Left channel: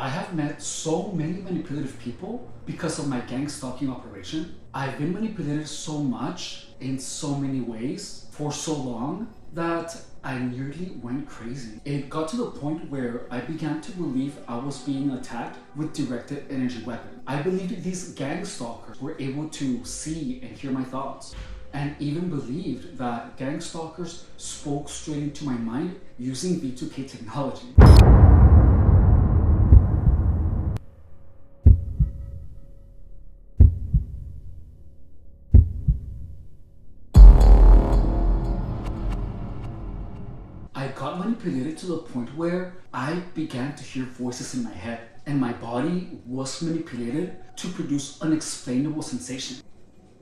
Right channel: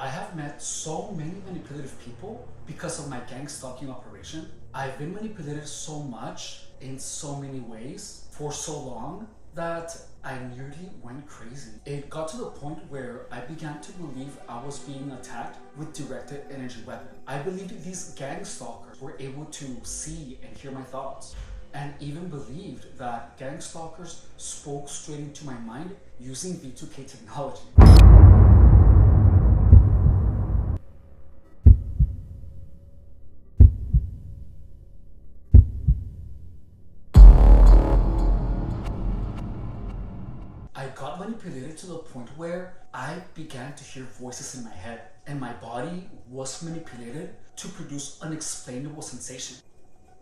I have met so many manipulative people because of my gang stalking operation. I've been manipulated so much in so many ways for so long that I nearly went crazy. It got to the point where I began to believe I was being attacked with directed energy weapon. I believed these gang stalkers were able to see and hear my thoughts, and even believed that gang stalkers spoke straight into my mind using V2K technology. I got manipulated to the point where I began to hear voices in my head, and my body was manipulated to produce unexplainable sensation.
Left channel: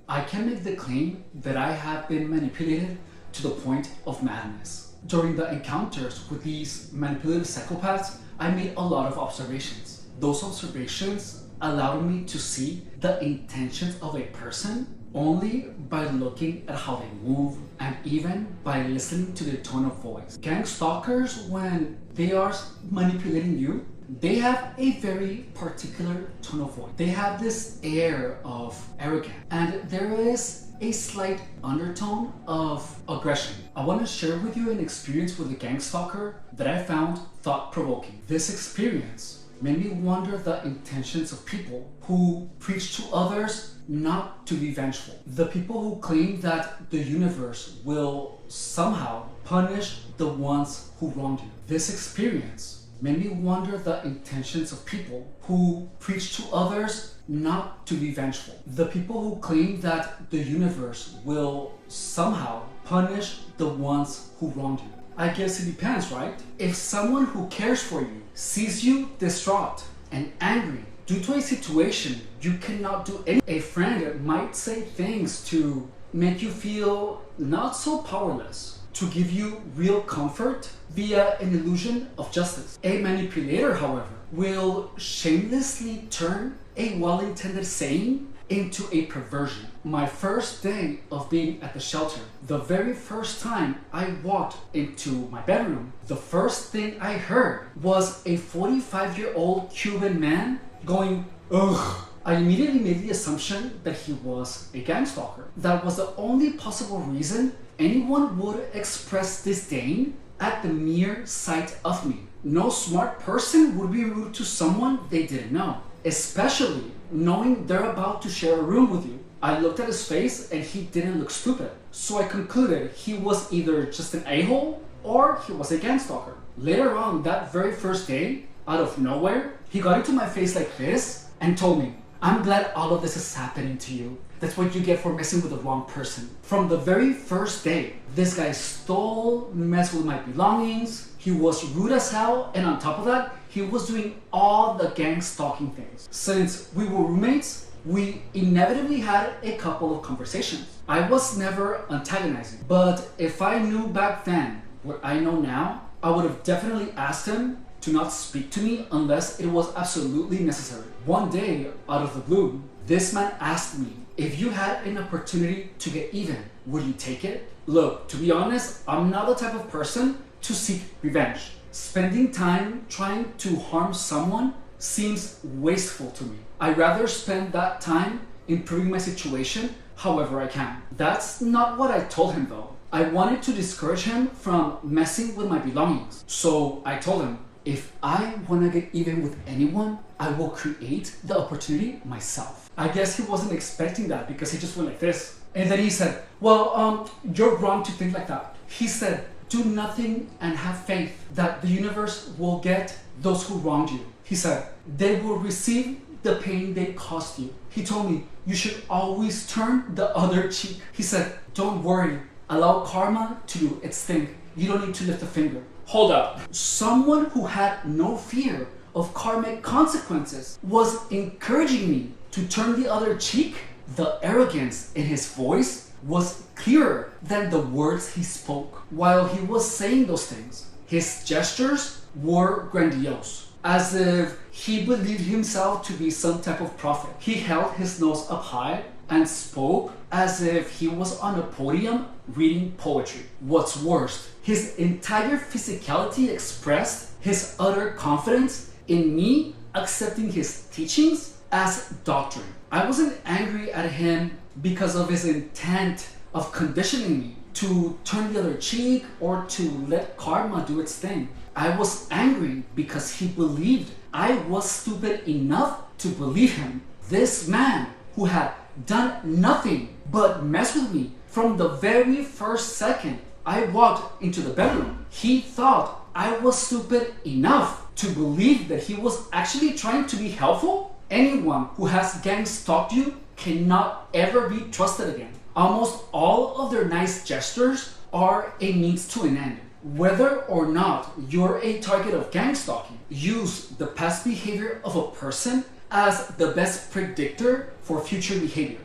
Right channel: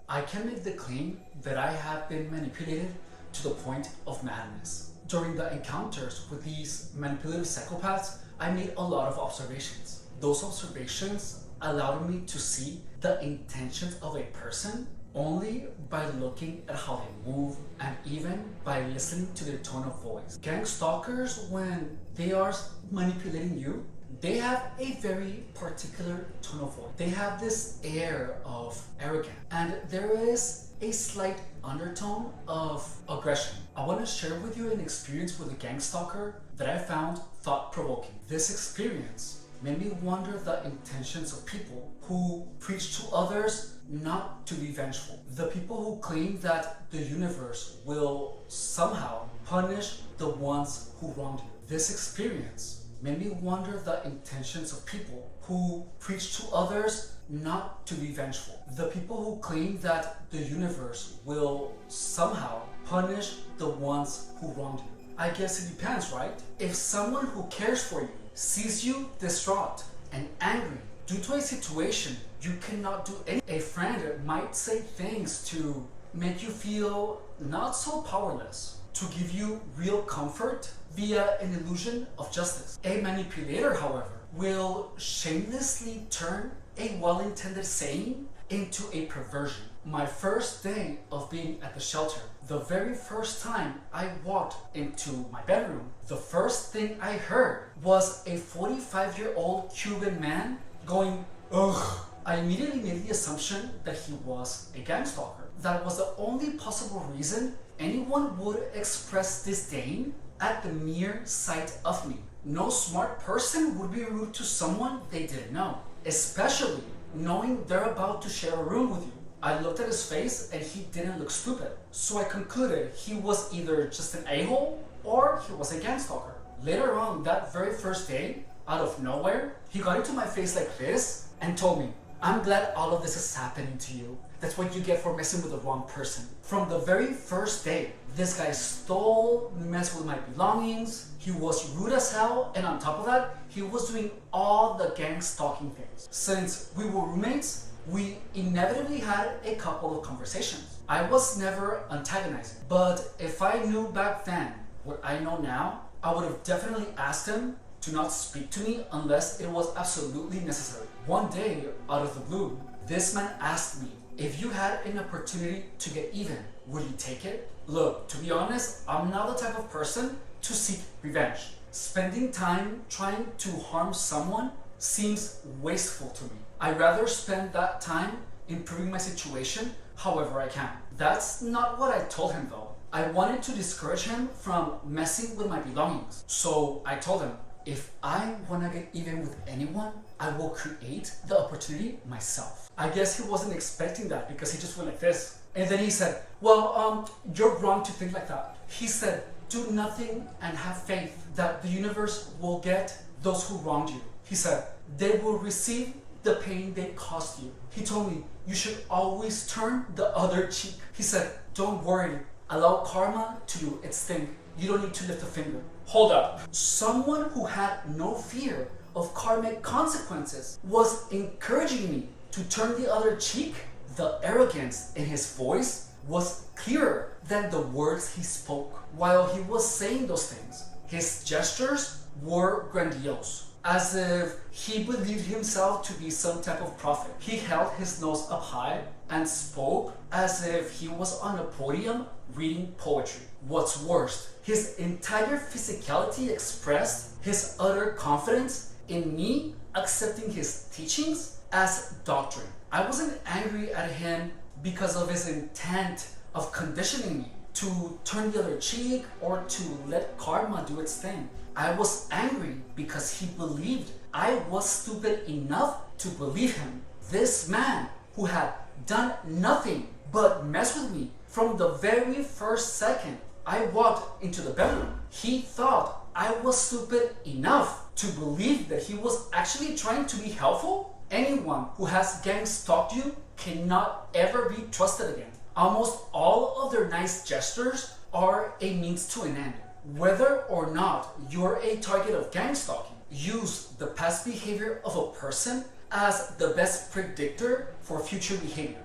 I can make the claim that I have been manipulated to the point of madness. During the encounters with these manipulative psychopaths, I made a lot of observations. Those observations allowed me to see the intentions of a person only by looking at how they move and even by listening to their tone of voice. Gang stalkers, when they are manipulating you, they have a very particular tone of voice. They have this air of arrogance, and there is a slight undertone of aggression. I want to share with you an experience with a gang stalker that I found thought-provoking. This experience made me wonder the intentions of people who preach to others not to be vengeful. The people who claim that the universe will somehow punish the ones who wronged you. This experience made me wonder the intentions of people who preach to others not to be vengeful. The people who claim that the universe will somehow punish the ones who wronged you. I guess it depends, right? If someone who cares for you sees you distraught and angry due to a situation you cannot do anything, a friend might say things to make you feel not so powerless, to give you real comfort via an illusion of justice. A manipulator, however, will shamelessly turn a well-intended saying into a perversion. My first day of being at the shelter, the very first time I walked into my bedroom, the first thing I heard was a 45-year-old Cuban man going, ugh. I immediately made the assumption that he was a gang stalker. That was the only possible reason anyone would express disdain at the mere sight of me. No smart person would be rude to someone they didn't know, especially knowing they're about to share a room with you. I looked at his face and he didn't look stupid, so I concluded he was either just an a-hole or he was a gang stalker. Later on, that very first day, out of nowhere, he got into my face like this and told me, "I'm glad all of this is happening to you. That's what you get for messing with the wrong person." From the very first day, this guy stole, messed with my belongings, he was rude as hell, and on top of that, he was doing all the gang stalking things. Since we were roommates, we inevitably had a couple of conversations. I was never antagonizing, but if I knew back then what I know now, I would have definitely asked him to not speak to me unless it was absolutely necessary. One day, out of the blue, this man asked me, if you had an opportunity to get even, would you take it? Look, to be honest, I'm not the type of person to seek revenge. Spending time trying to harm someone seems wasteful to me. I'd rather spend that time improving my situation however I can. That's not what I told him though. I wanted to discourage him from messing with my belongings. So I told him, if I want to get even with anyone, I will create the opportunity myself. I guess he wasn't expecting that because he just went like this. And then he said, well, you're wrong to think like that. He said, do nothing and have faith that the universe will get those who wronged you. He said, they will receive the pain they caused you. He told me, you should always turn the other cheek. He said, don't worry, allow karma to do its thing. You don't need to lift a finger. Hold up. Someone who had no fear of karmic consequences was encouraging me to turn the other cheek. The arrogance in his voice was clearer than the words he spoke. While he was saying those things, his gestures were grandiose, as if he believed himself to be some type of prophet. He held his nose up high and spoke as if he was on a podium reading poetry. What's worse, his entire physicality expressed his utter confidence in me accepting his teachings as doctrine. I wasn't angry at him because of his intent of conditioning me to turn the other cheek or to let karma do its thing. I was angry because he believed I was stupid enough to believe him. This man who had done nothing but mess with me from the very first second I walked into the bedroom. He thought I was stupid enough to believe that he was actually trying to be helpful. Anyone who has gang stalked you cannot ever be trusted again. Almost all of their nice gestures are a means to an end. Whether or not you're a target of gang stalking, use the past behavior of a person as the best predictor for future behavior.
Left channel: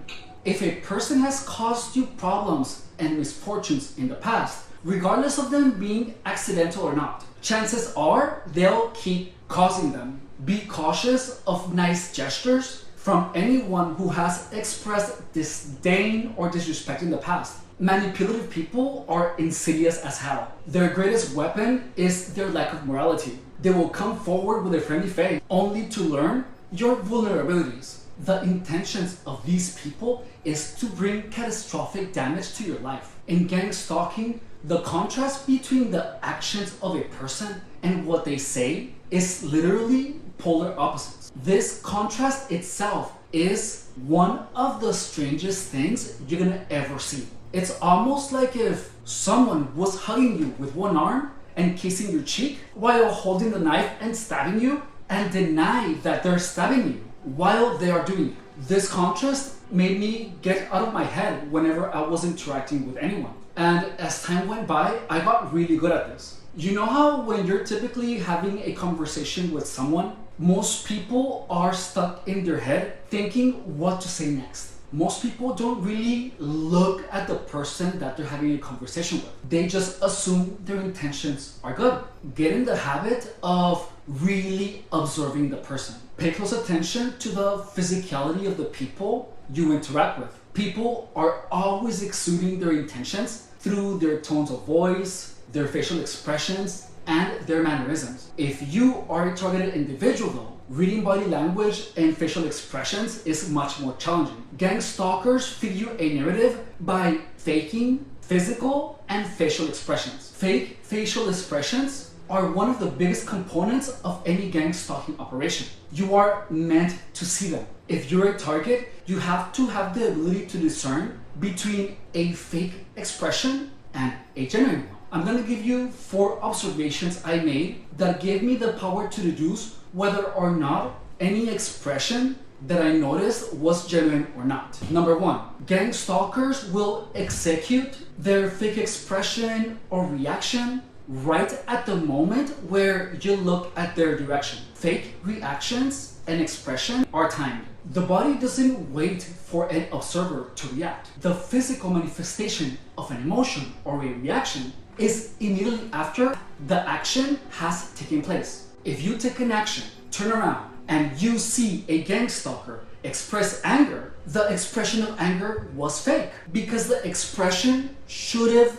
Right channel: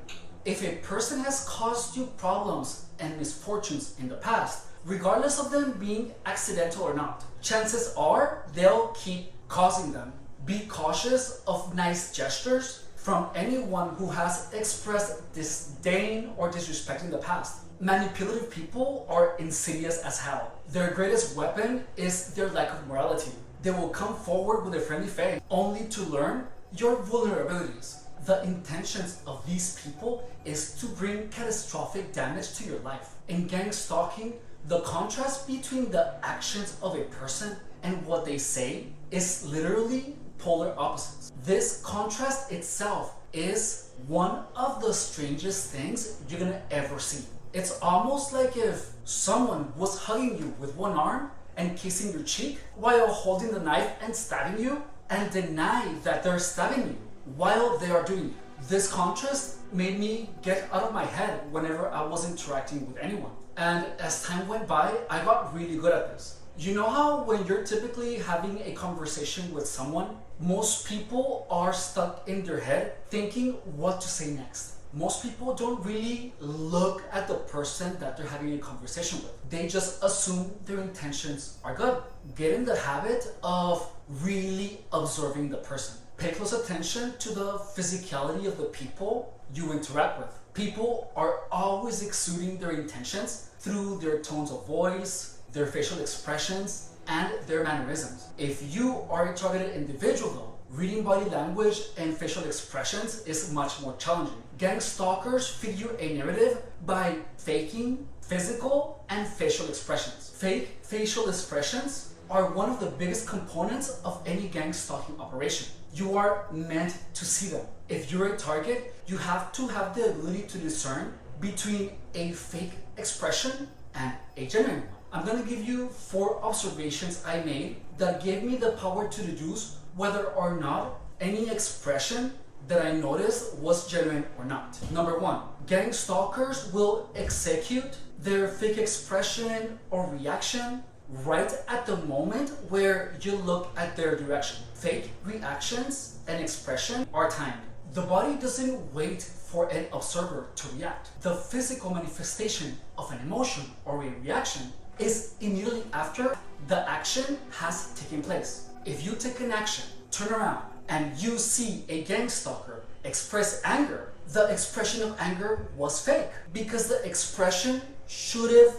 If a person has caused you problems and misfortunes in the past, regardless of them being accidental or not, chances are they'll keep causing them. Be cautious of nice gestures from anyone who has expressed disdain or disrespect in the past. Manipulative people are insidious as hell. Their greatest weapon is their lack of morality. They will come forward with a friendly face only to learn your vulnerabilities. The intentions of these people is to bring catastrophic damage to your life. In gang stalking, the contrast between the actions of a person and what they say is literally polar opposites. This contrast itself is one of the strangest things you're gonna ever see. It's almost like if someone was hugging you with one arm and kissing your cheek while holding the knife and stabbing you, and deny that they're stabbing you while they are doing it. This contrast made me get out of my head whenever I was interacting with anyone. And as time went by, I got really good at this. You know how when you're typically having a conversation with someone, most people are stuck in their head thinking what to say next. Most people don't really look at the person that they're having a conversation with. They just assume their intentions are good. Get in the habit of really observing the person. Pay close attention to the physicality of the people you interact with. People are always exuding their intentions through their tones of voice, their facial expressions, and their mannerisms. If you are a targeted individual though, reading body language and facial expressions is much more challenging. Gang stalkers feed you a narrative by faking physical and facial expressions. Fake facial expressions are one of the biggest components of any gang stalking operation. You are meant to see them. If you're a target, you have to have the ability to discern between a fake expression and a genuine one. I'm gonna give you 4 observations I made that gave me the power to deduce whether or not any expression that I noticed was genuine or not. Number 1, gang stalkers will execute their fake expression or reaction right at the moment where you look at their direction. Fake reactions and expression are timed. The body doesn't wait for an observer to react. The physical manifestation of an emotion or a reaction is immediately after the action has taken place. If you take an action, turn around, and you see a gang stalker express anger, the expression of anger was fake because the expression should have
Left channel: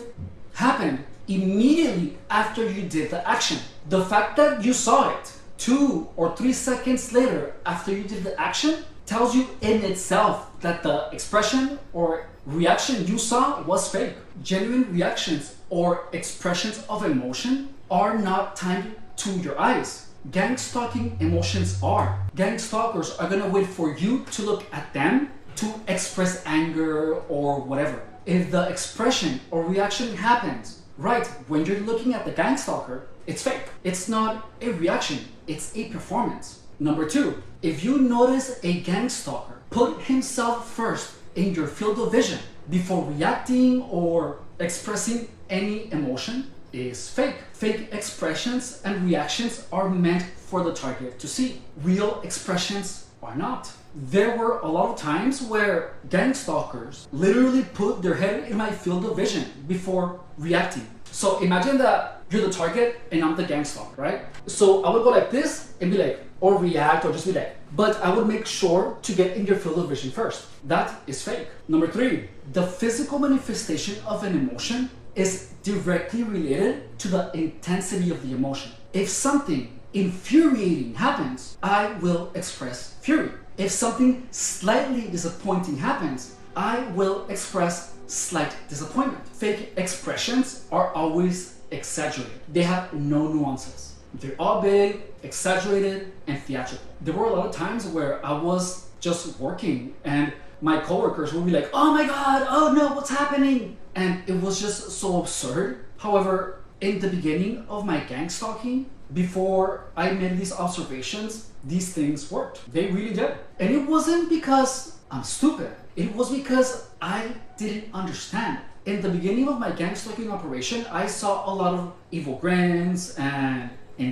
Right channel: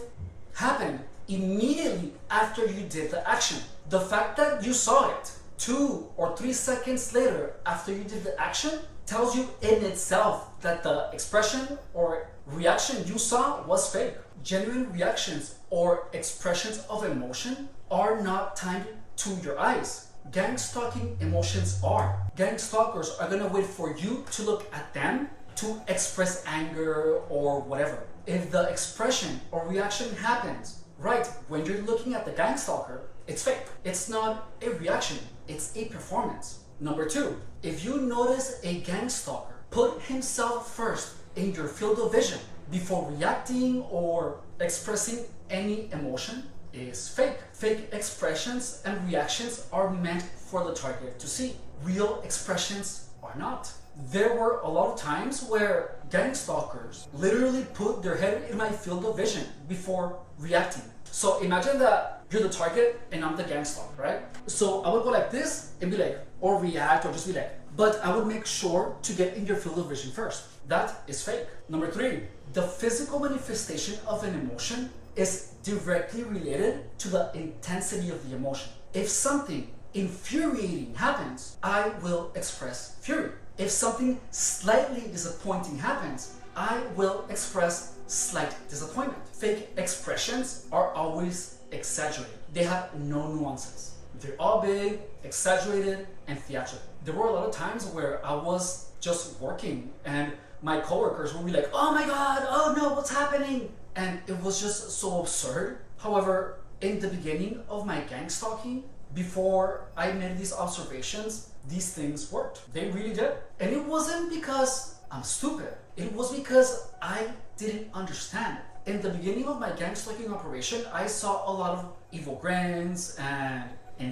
happened immediately after you did the action. The fact that you saw it 2 or 3 seconds later after you did the action tells you in itself that the expression or reaction you saw was fake. Genuine reactions or expressions of emotion are not timed to your eyes. Gang stalking emotions are. Gang stalkers are gonna wait for you to look at them to express anger or whatever. If the expression or reaction happens right when you're looking at the gang stalker, it's fake. It's not a reaction, it's a performance. Number 2, if you notice a gang stalker put himself first in your field of vision before reacting or expressing any emotion, is fake. Fake expressions and reactions are meant for the target to see. Real expressions are not. There were a lot of times where gang stalkers literally put their head in my field of vision before reacting. So imagine that you're the target and I'm the gang stalker, right? So I would go like this and be like, or react or just be like, but I would make sure to get in your field of vision first. That is fake. Number 3, the physical manifestation of an emotion is directly related to the intensity of the emotion. If something infuriating happens, I will express fury. If something slightly disappointing happens, I will express slight disappointment. Fake expressions are always exaggerated. They have no nuances. They're all big, exaggerated, and theatrical. There were a lot of times where I was just working and my coworkers would be like, oh my God, oh no, what's happening? And it was just so absurd. However, in the beginning of my gang stalking, before I made these observations, these things worked. They really did. And it wasn't because I'm stupid. It was because I didn't understand. In the beginning of my gang stalking operation, I saw a lot of evil grins and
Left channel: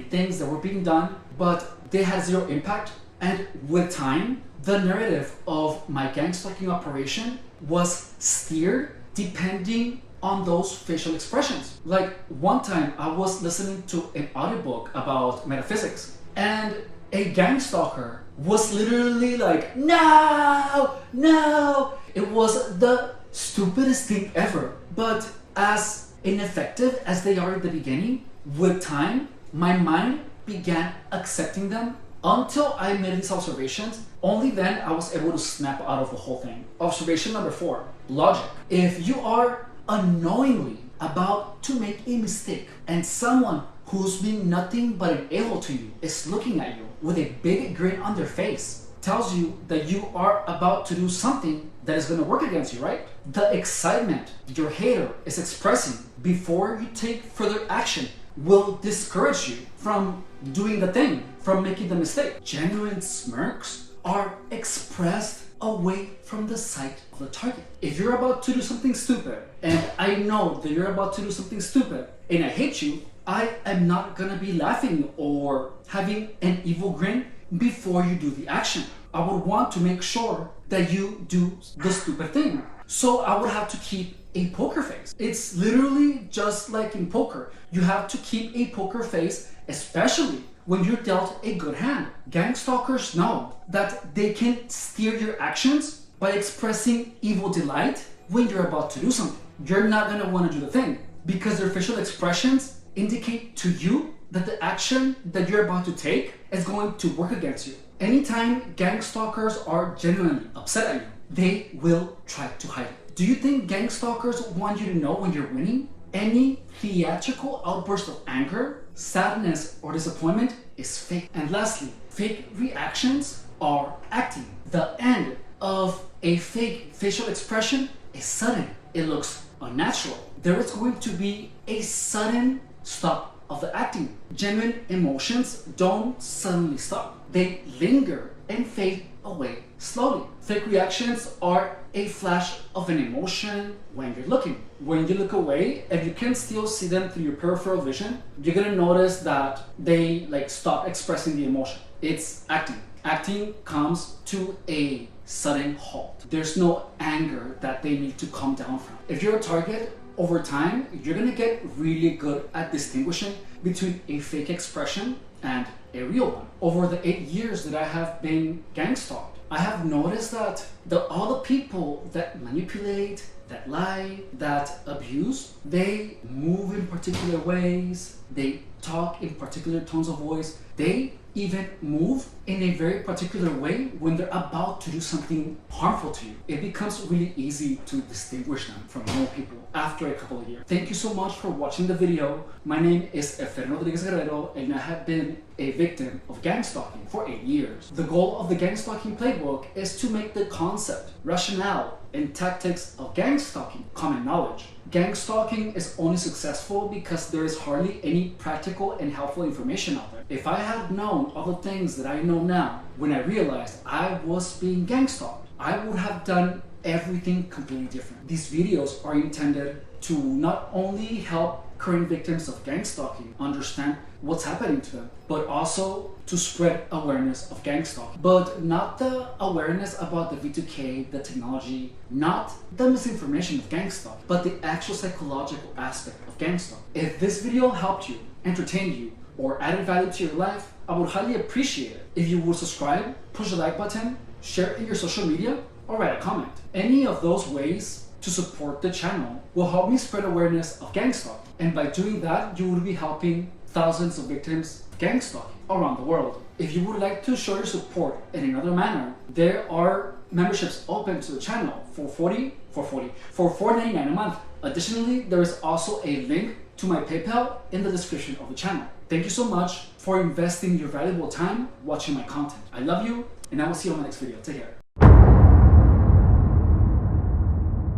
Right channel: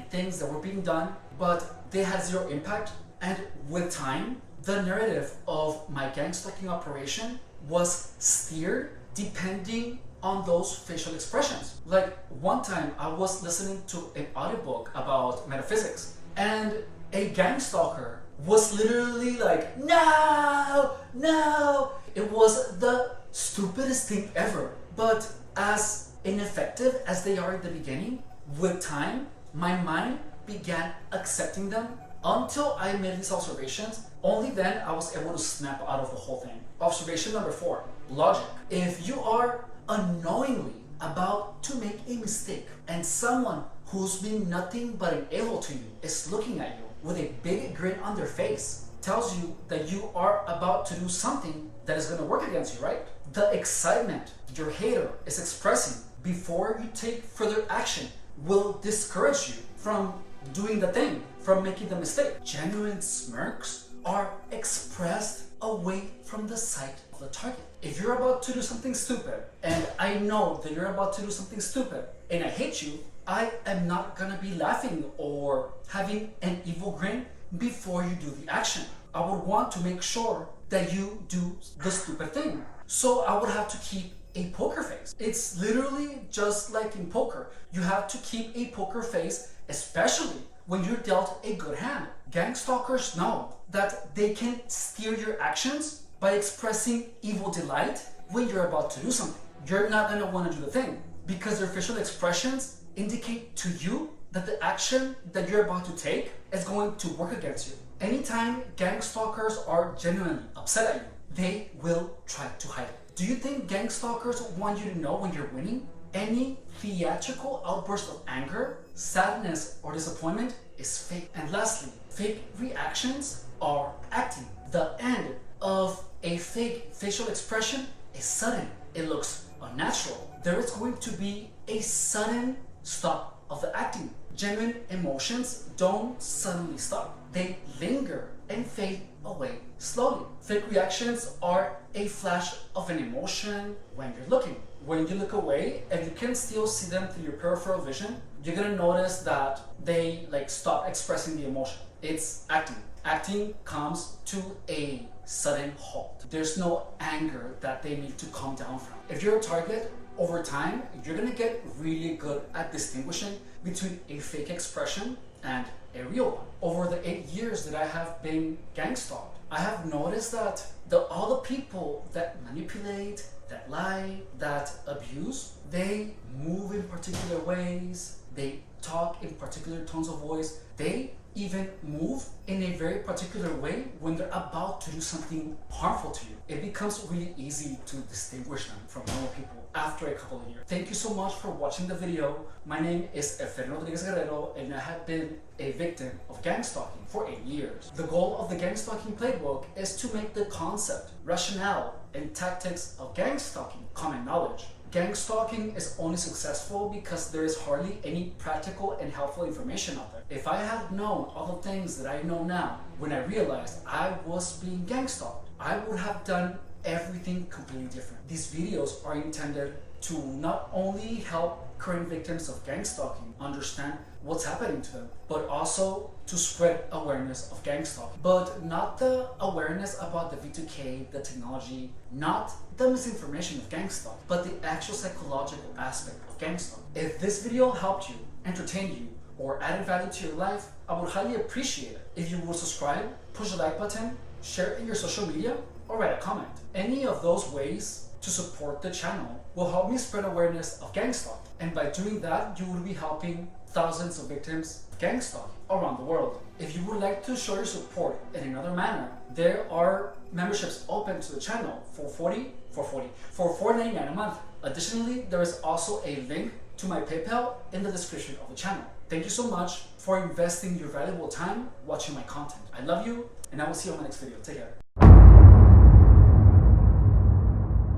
things that were being done, but they had zero impact. And with time, the narrative of my gang stalking operation was steered depending on those facial expressions. Like one time I was listening to an audiobook about metaphysics, and a gang stalker was literally like, no, no. It was the stupidest thing ever. But as ineffective as they are at the beginning, with time, my mind began accepting them until I made these observations. Only then I was able to snap out of the whole thing. Observation number 4, logic. If you are unknowingly about to make a mistake and someone who's been nothing but an a-hole to you is looking at you with a big grin on their face, tells you that you are about to do something that is going to work against you, right? The excitement your hater is expressing before you take further action will discourage you from doing the thing, from making the mistake. Genuine smirks are expressed away from the sight of the target. If you're about to do something stupid, and I know that you're about to do something stupid, and I hate you, I am not gonna be laughing or having an evil grin before you do the action. I would want to make sure that you do the stupid thing. So I would have to keep a poker face. It's literally just like in poker. You have to keep a poker face, especially when you're dealt a good hand. Gang stalkers know that they can steer your actions by expressing evil delight when you're about to do something. You're not gonna wanna do the thing because their facial expressions indicate to you that the action that you're about to take is going to work against you. Anytime gang stalkers are genuinely upset at you, they will try to hide it. Do you think gang stalkers want you to know when you're winning? Any theatrical outburst of anger, sadness, or disappointment is fake. And lastly, fake reactions are acting. The end of a fake facial expression is sudden. It looks unnatural. There is going to be a sudden stop of the acting. Genuine emotions don't suddenly stop. They linger and fade away slowly. Fake reactions are a flash of an emotion when you're looking. When you look away, if you can still see them through your peripheral vision, you're gonna notice that they stop expressing the emotion. It's acting. Acting comes to a sudden halt. There's no anger that they need to calm down from. If you're a target, over time, you're gonna get really good at distinguishing between a fake expression and a real one. Over the 8 years that I have been gang stalked, I have noticed that all the people that manipulate, that lie, that abuse, they move in particular ways, they talk in particular tones of voice, they even move in a very particular way when they're about to do something harmful to you. It becomes really easy to distinguish them from normal people after a couple of years. Thank you so much for watching the video. My name is Efren Rodriguez Guerrero, and I have been a victim of gang stalking for 8 years. The goal of the gang stalking playbook is to make the concept, rationale, and tactics of gang stalking common knowledge. Gang stalking is only successful because there is hardly any practical and helpful information out there. If I had known all the things that I know now when I realized I was being gang stalked, I would have done everything completely different. These videos are intended to not only help current victims of gang stalking understand what's happening to them, but also to spread awareness of gang stalking. But not the awareness about the V2K, the technology, not the misinformation of gang stalking, but the actual psychological aspect of gang stalking. If this video helped you, entertained you, or added value to your life, I would highly appreciate it if you would subscribe, push the like button, share it in your social media, or write a comment. Any of those ways to support the channel will help me spread awareness of gang stalking. And by doing that, you will be helping thousands of victims of gang stalking. around the world. If you would like to show your support in another manner, there are memberships open to the channel for $4.99 a month. Additionally, there is also a link to my PayPal in the description of the channel. Thank you so much for investing your valuable time watching my content. I love you, and I will see you on my next video. Take care.